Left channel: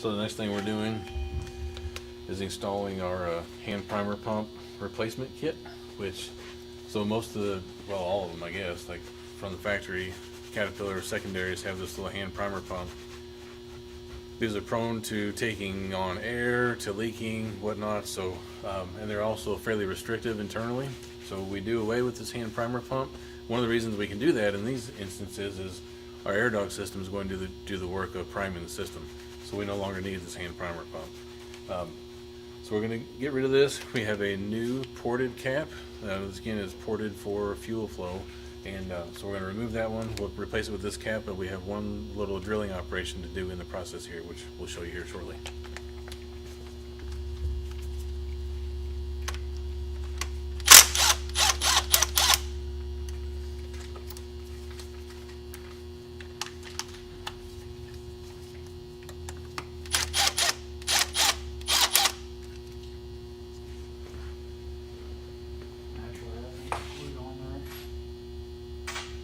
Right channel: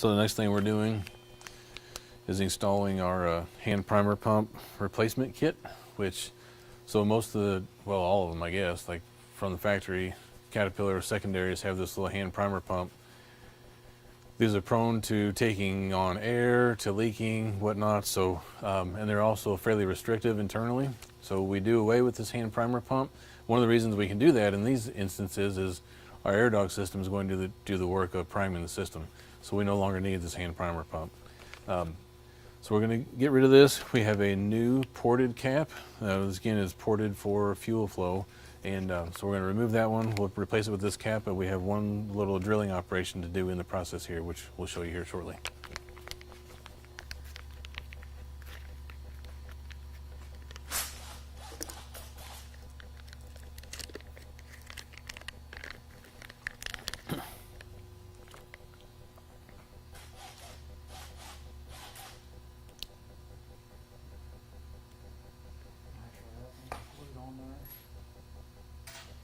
So the next thing we're doing is installing our hand primer pump replacement kit, which, so most of the, well, all of them, I guess, like from the factory, Caterpillar secondaries have this little hand primer pump. These are prone to taking on air, to leaking, whatnot, so, and they're also fairly restrictive internally. So we do away with this hand primer pump. One of the reasons we can do that in these instances is our AirDog system is going to do the work of priming the system. So we no longer need this hand primer pump. So we're going to get rid of this. We have a new ported cap. This again is ported for fuel flow. And so we're going to remove that one. We'll replace it with this cap, but we have one little drilling operation to do in the process here, which we'll show you here shortly.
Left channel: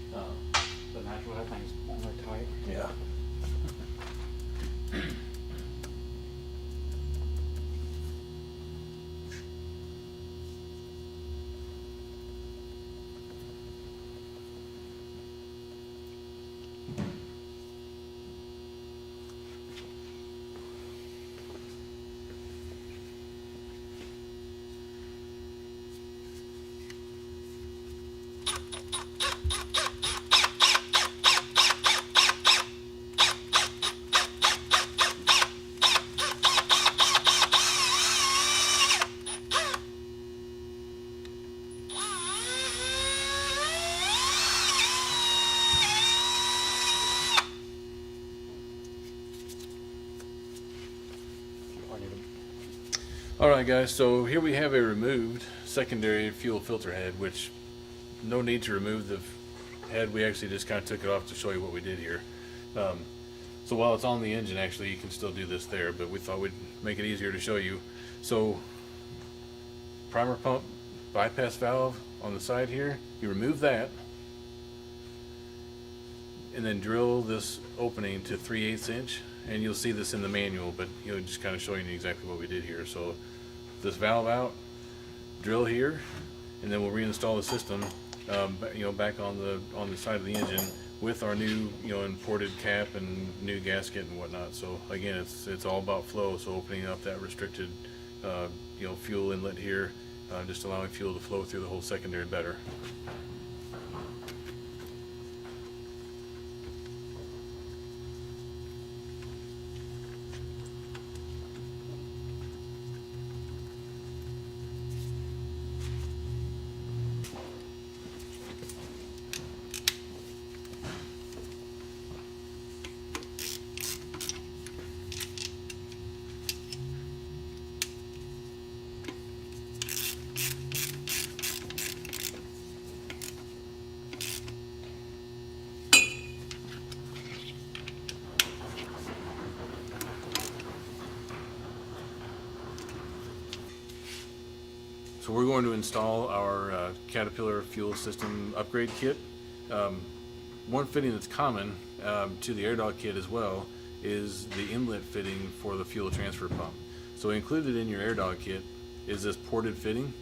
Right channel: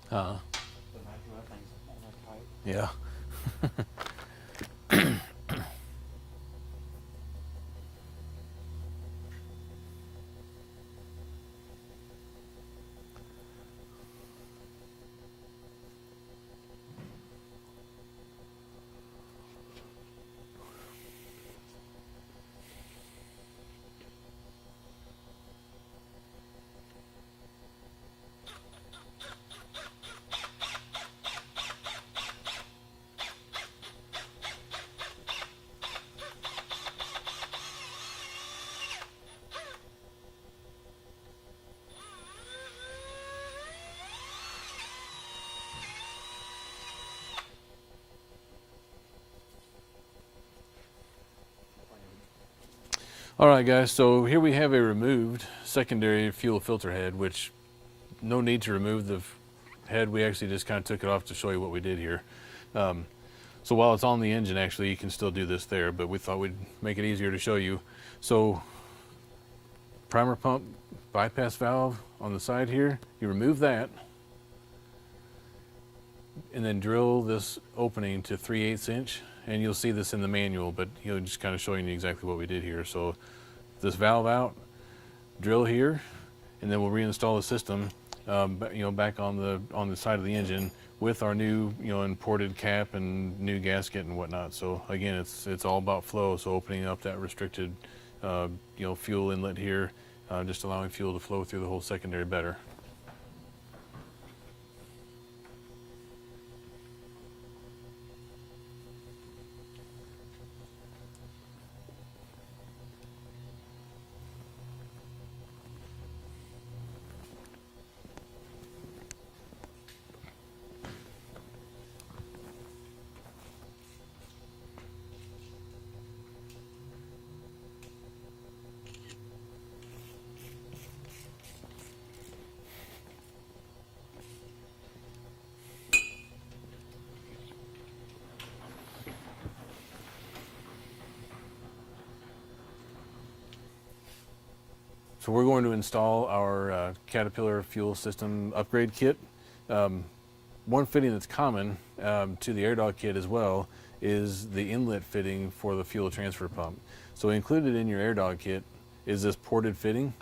The natural air thing's on there tight. Yeah. Alright guys, so here we have a removed secondary fuel filter head, which no need to remove the head. We actually just kind of took it off to show you what we did here. So while it's on the engine, actually you can still do this there, but we thought we'd make it easier to show you. So primer pump bypass valve on the side here, you remove that and then drill this opening to 3/8 inch, and you'll see this in the manual, but just kind of showing you exactly what we did here. So this valve out, drill here, and then we'll reinstall the system back on the side of the engine with our new imported cap and new gasket and whatnot. So again, it's all about flow, so opening up that restricted fuel inlet here, just allowing fuel to flow through the whole secondary better. So we're going to install our Caterpillar fuel system upgrade kit. One fitting that's common to the AirDog kit as well is the inlet fitting for the fuel transfer pump. So included in your AirDog kit is this ported fitting.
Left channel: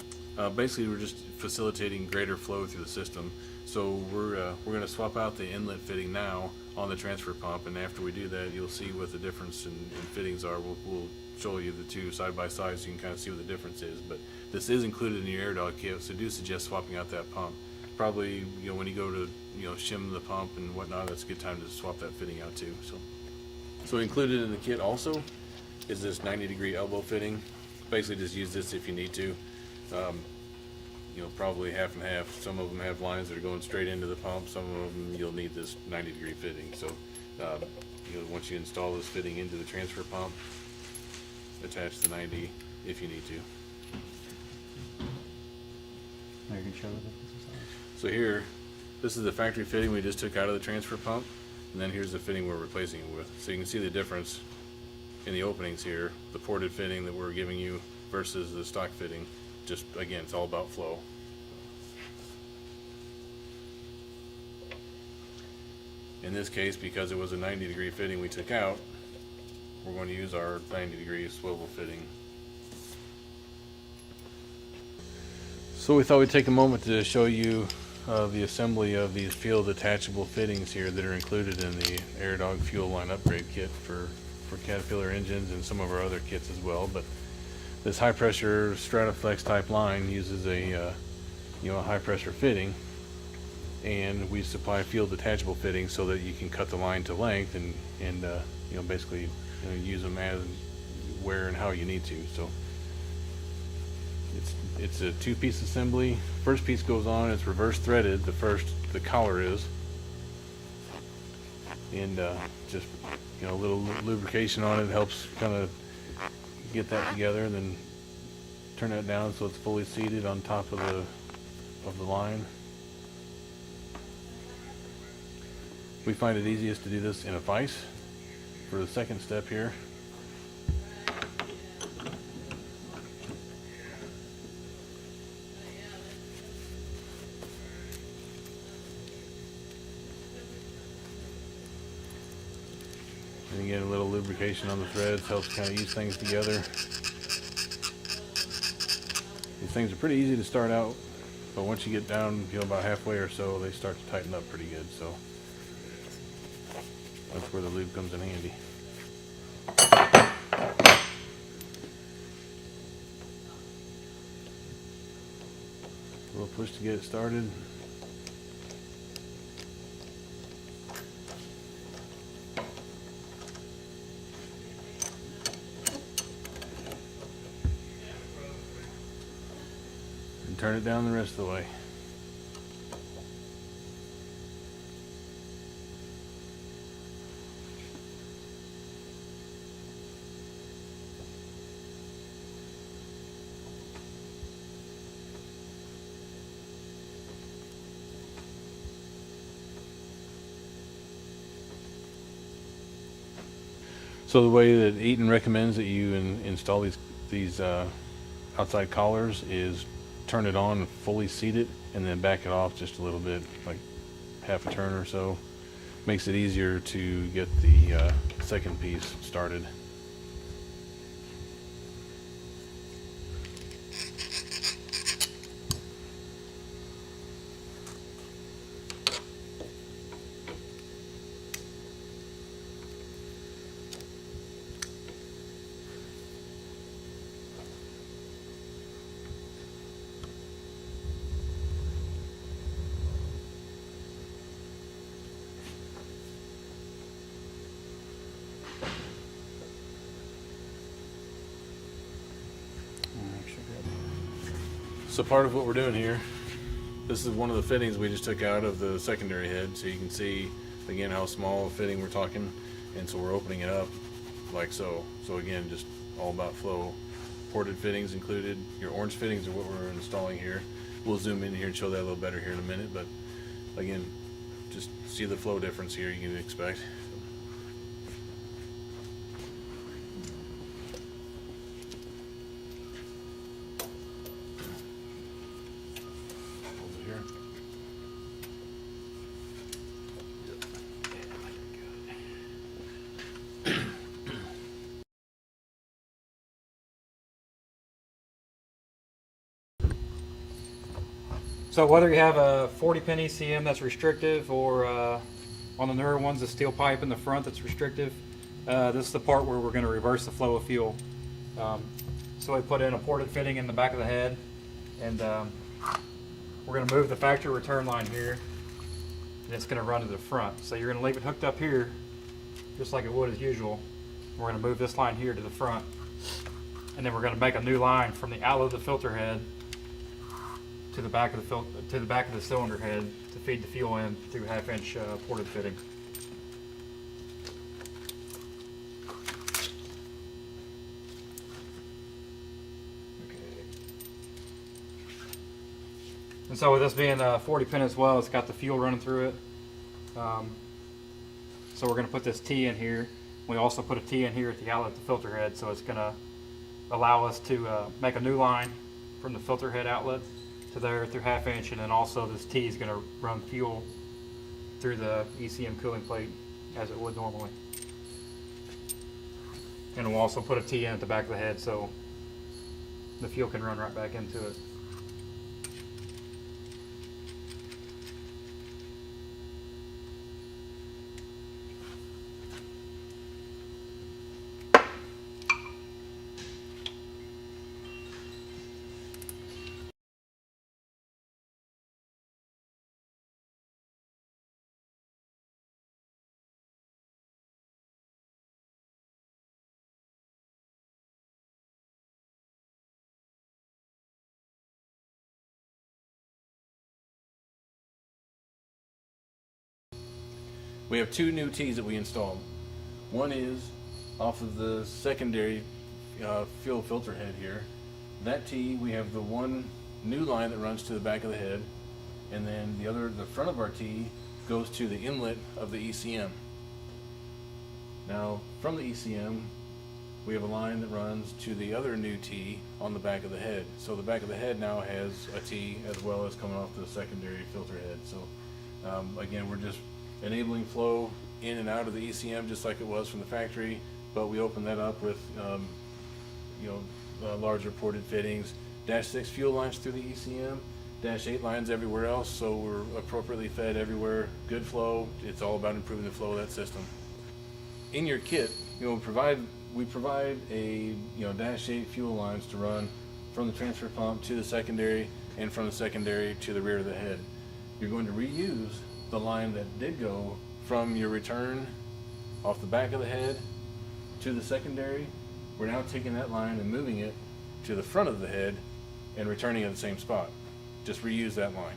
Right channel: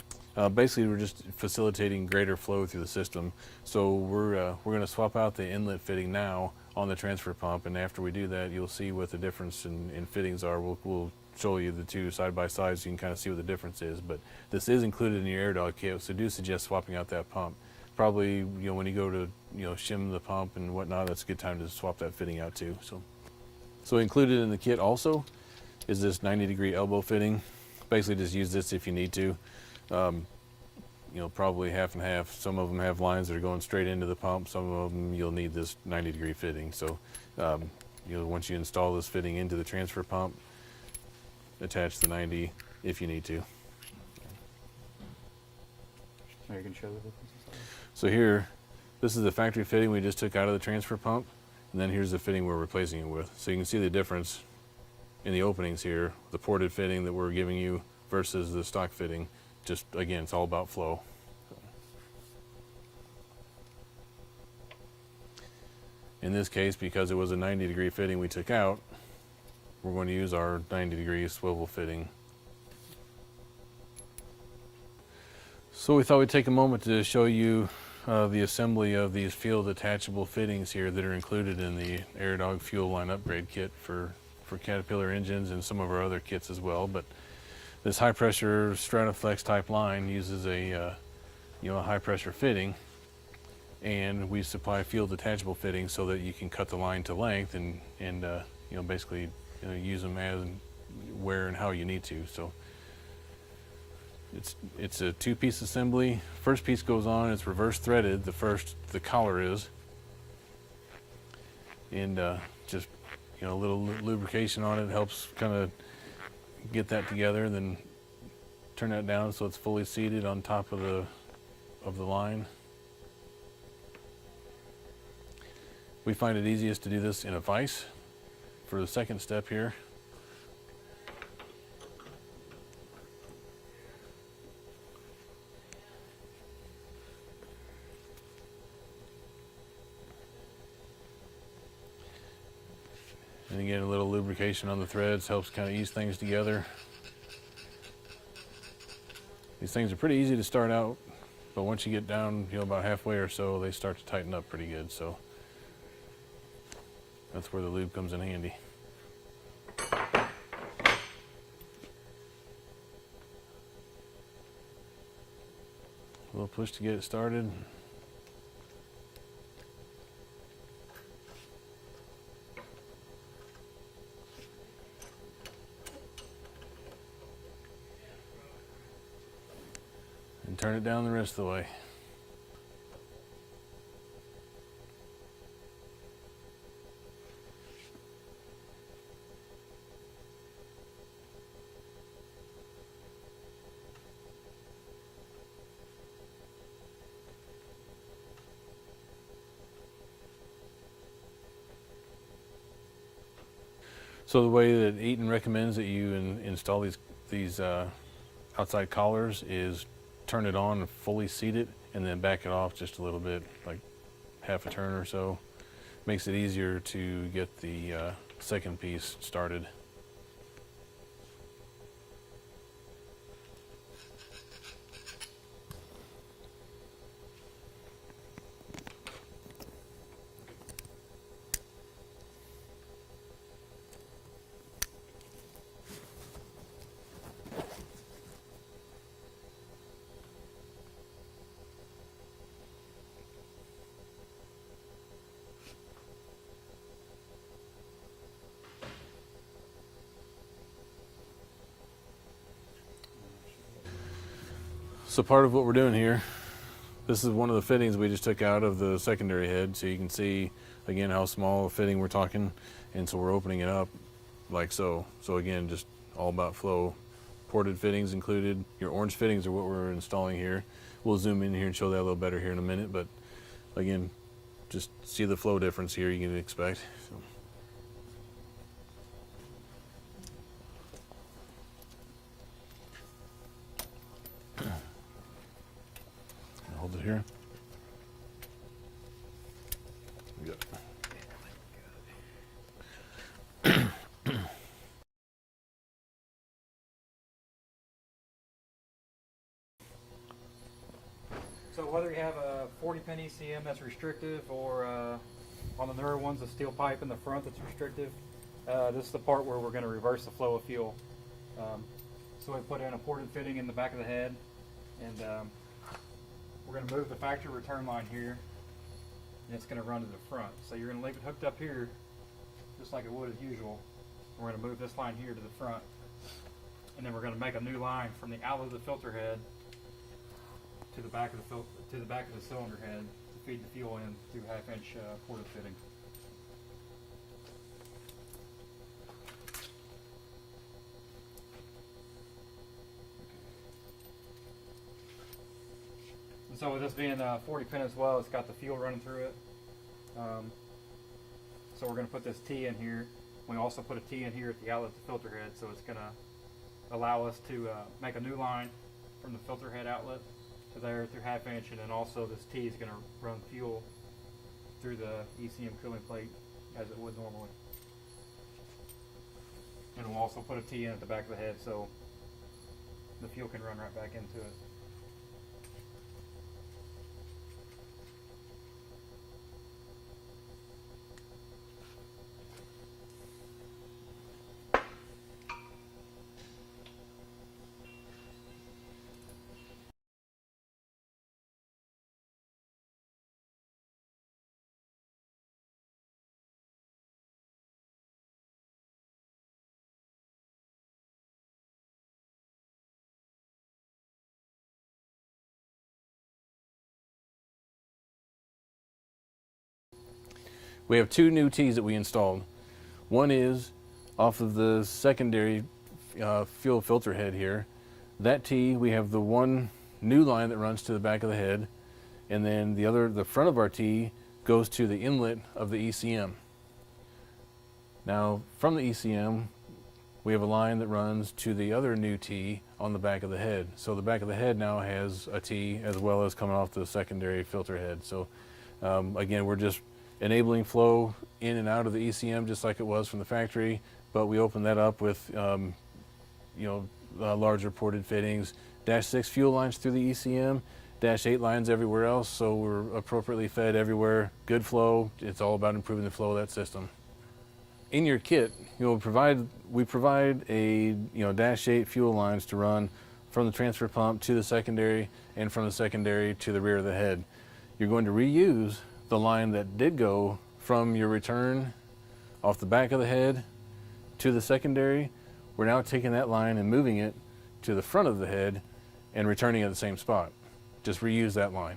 Basically, we're just facilitating greater flow through the system. So we're going to swap out the inlet fitting now on the transfer pump, and after we do that, you'll see what the difference in fittings are. We'll show you the two side by side so you can kind of see what the difference is. But this is included in your AirDog kit, so do suggest swapping out that pump. Probably when you go to shim the pump and whatnot, that's a good time to swap that fitting out too. So included in the kit also is this 90-degree elbow fitting. Basically, just use this if you need to. Probably half and half. Some of them have lines that are going straight into the pump. Some of them you'll need this 90-degree fitting. So once you install this fitting into the transfer pump, attach the 90 if you need to. You can show it. So here, this is the factory fitting we just took out of the transfer pump, and then here's the fitting we're replacing it with. So you can see the difference in the openings here, the ported fitting that we're giving you versus the stock fitting. Just again, it's all about flow. In this case, because it was a 90-degree fitting we took out, we're going to use our 90-degree swivel fitting. So we thought we'd take a moment to show you the assembly of these field attachable fittings here that are included in the AirDog fuel line upgrade kit for Caterpillar engines and some of our other kits as well. But this high pressure Strataflex type line uses a high pressure fitting, and we supply field attachable fittings so that you can cut the line to length and basically use them as where and how you need to. So it's a two-piece assembly. First piece goes on, it's reverse threaded. The collar is, and just a little lubrication on it helps kind of get that together, and then turn that down so it's fully seated on top of the line. We find it easiest to do this in a vise for the second step here. And again, a little lubrication on the threads helps kind of ease things together. These things are pretty easy to start out, but once you get down about halfway or so, they start to tighten up pretty good. So that's where the lube comes in handy. A little push to get it started. And turn it down the rest of the way. So the way that Eaton recommends that you install these outside collars is turn it on, fully seat it, and then back it off just a little bit, like half a turn or so. Makes it easier to get the second piece started. So part of what we're doing here, this is one of the fittings we just took out of the secondary head, so you can see again how small a fitting we're talking, and so we're opening it up like so. So again, just all about flow. Ported fittings included. Your orange fittings are what we're installing here. We'll zoom in here and show that a little better here in a minute, but again, just see the flow difference here you can expect. Hold it here. So whether you have a 40 pin ECM that's restrictive, or on the newer ones, a steel pipe in the front that's restrictive, this is the part where we're going to reverse the flow of fuel. So we put in a ported fitting in the back of the head, and we're going to move the factory return line here, and it's going to run to the front. So you're going to leave it hooked up here, just like it would as usual. We're going to move this line here to the front, and then we're going to make a new line from the outlet of the filter head to the back of the cylinder head to feed the fuel in through 1/2 inch ported fitting. And so with this being a 40 pin as well, it's got the fuel running through it. So we're going to put this T in here. We also put a T in here at the outlet of the filter head, so it's going to allow us to make a new line from the filter head outlet to there through 1/2 inch, and then also this T is going to run fuel through the ECM cooling plate as it would normally. And we'll also put a T in at the back of the head so the fuel can run right back into it. We have two new T's that we installed. One is off of the secondary fuel filter head here. That T, we have the one new line that runs to the back of the head, and then the front of our T goes to the inlet of the ECM. Now, from the ECM, we have a line that runs to the other new T on the back of the head. So the back of the head now has a T as well as coming off the secondary filter head. So again, we're just enabling flow in and out of the ECM just like it was from the factory, but we open that up with larger ported fittings, -6 fuel lines through the ECM, -8 lines everywhere else, so we're appropriately fed everywhere. Good flow. It's all about improving the flow of that system. In your kit, we provide a -8 fuel lines to run from the transfer pump to the secondary and from the secondary to the rear of the head. You're going to reuse the line that did go from your return off the back of the head to the secondary. We're now taking that line and moving it to the front of the head and returning it at the same spot. Just reuse that line.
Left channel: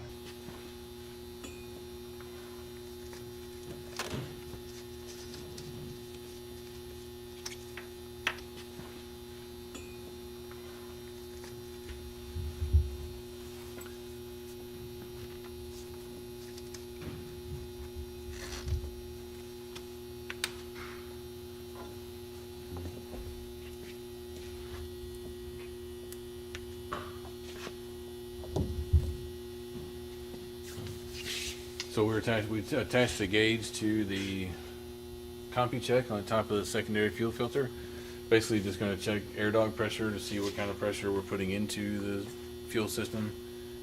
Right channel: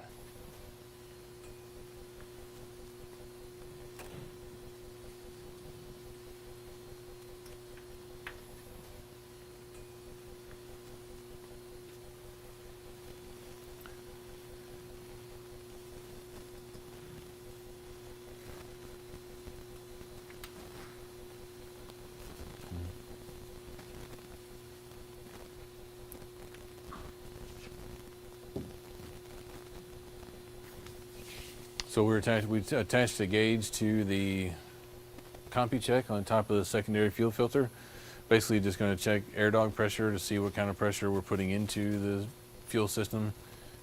So we attached the gauge to the CompuCheck on top of the secondary fuel filter. Basically just going to check air dog pressure to see what kind of pressure we're putting into the fuel system.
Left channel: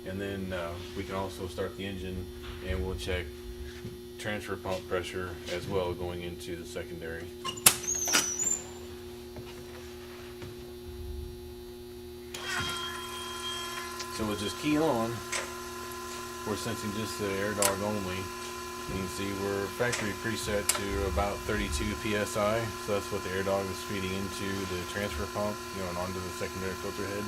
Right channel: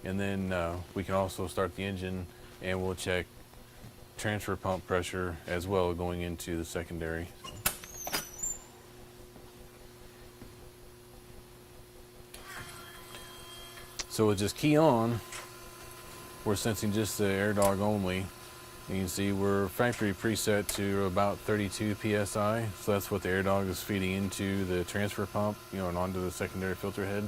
And then we can also start the engine and we'll check transfer pump pressure as well going into the secondary. So we'll just key on. We're sensing just the air dog only. You can see we're factory preset to about 32 psi, so that's what the air dog is feeding into the transfer pump, and onto the secondary filter head.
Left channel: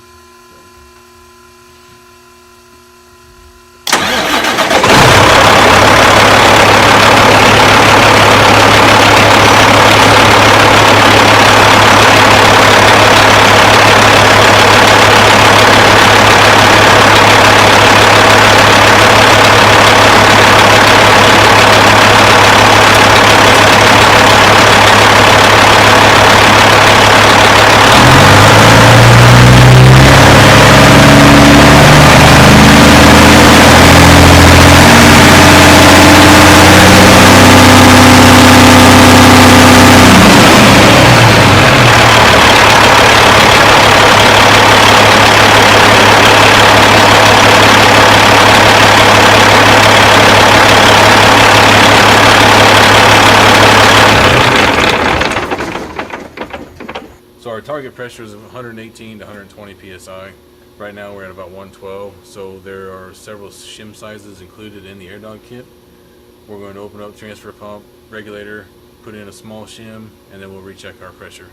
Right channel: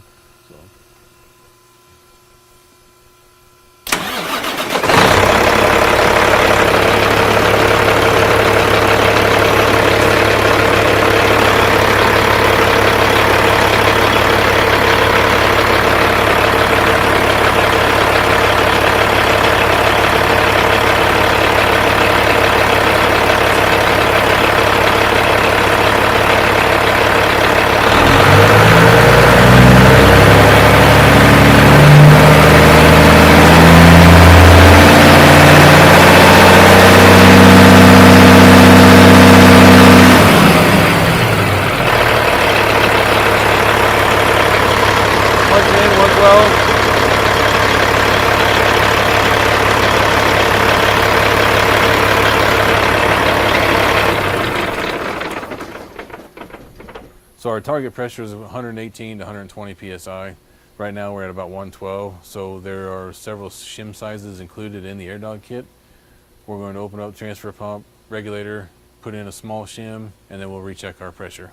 So our target pressure is 118 to 120 psi. Right now we're at about 112, so there are several shim sizes included in the air dog kit. We're going to open up transfer pump, regulator, put in a small shim, and then we'll recheck our pressure.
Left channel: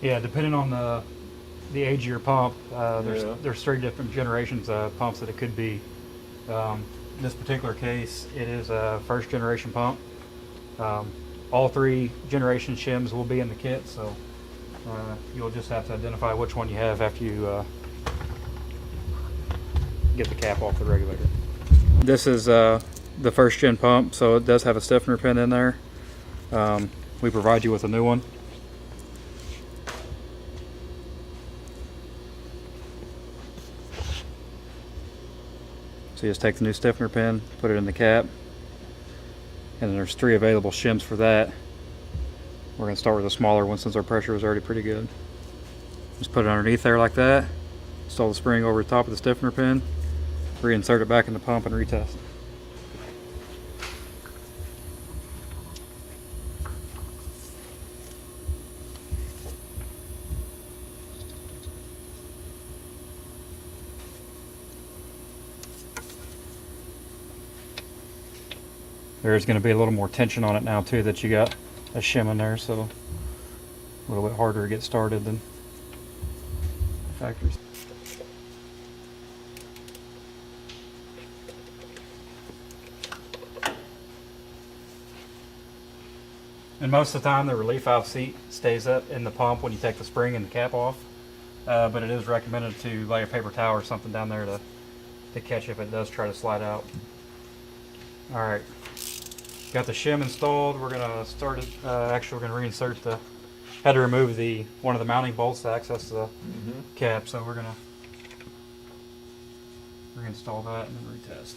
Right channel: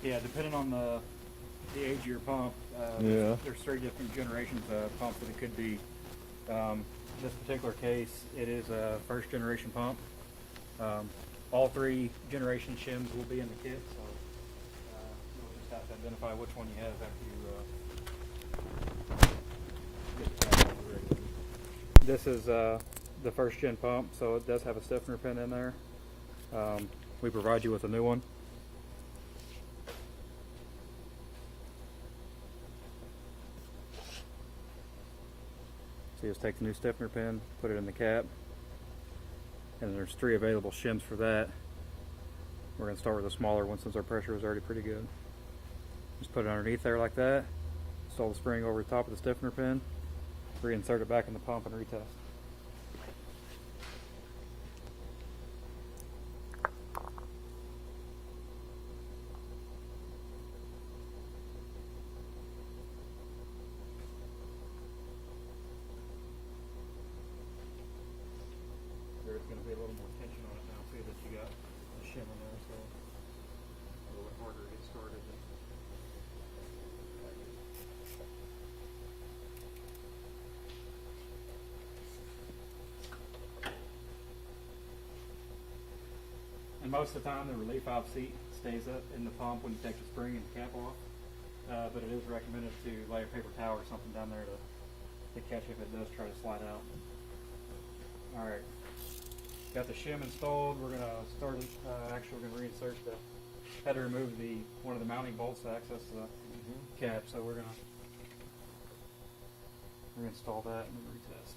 Yeah, depending on the age of your pump, Yeah. there's 3 different generations of pumps that it could be. In this particular case, it is a first generation pump. All 3 generation shims will be in the kit, so you'll just have to identify which one you have after you get the cap off the regulator. This is the first gen pump, so it does have a stiffener pin in there. We provide you with a new one. So you just take the new stiffener pin, put it in the cap, and then there's 3 available shims for that. We're going to start with a smaller one since our pressure was already pretty good. Just put it underneath there like that, install the spring over the top of the stiffener pin, reinsert it back in the pump, and retest. There's going to be a little more tension on it now too that you got a shim in there, so a little bit harder to get started than factories. And most of the time the relief valve seat stays up in the pump when you take the spring and the cap off, but it is recommended to lay a paper towel or something down there to catch if it does try to slide out. Alright, got the shim installed. We're going to start it, actually we're going to reinsert had to remove one of the mounting bolts to access the cap, so we're going to reinstall that and then retest.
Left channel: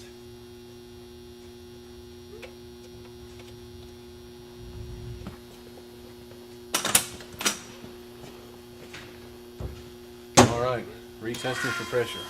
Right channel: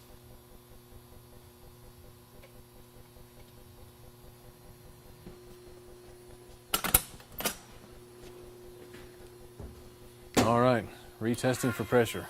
All right, retesting for pressure.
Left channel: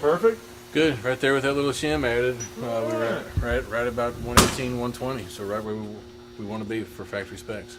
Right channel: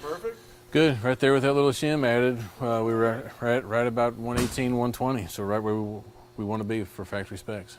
Perfect. Good, right there with that little shim added, we were right about 118, 120, so right where we want to be for factory specs.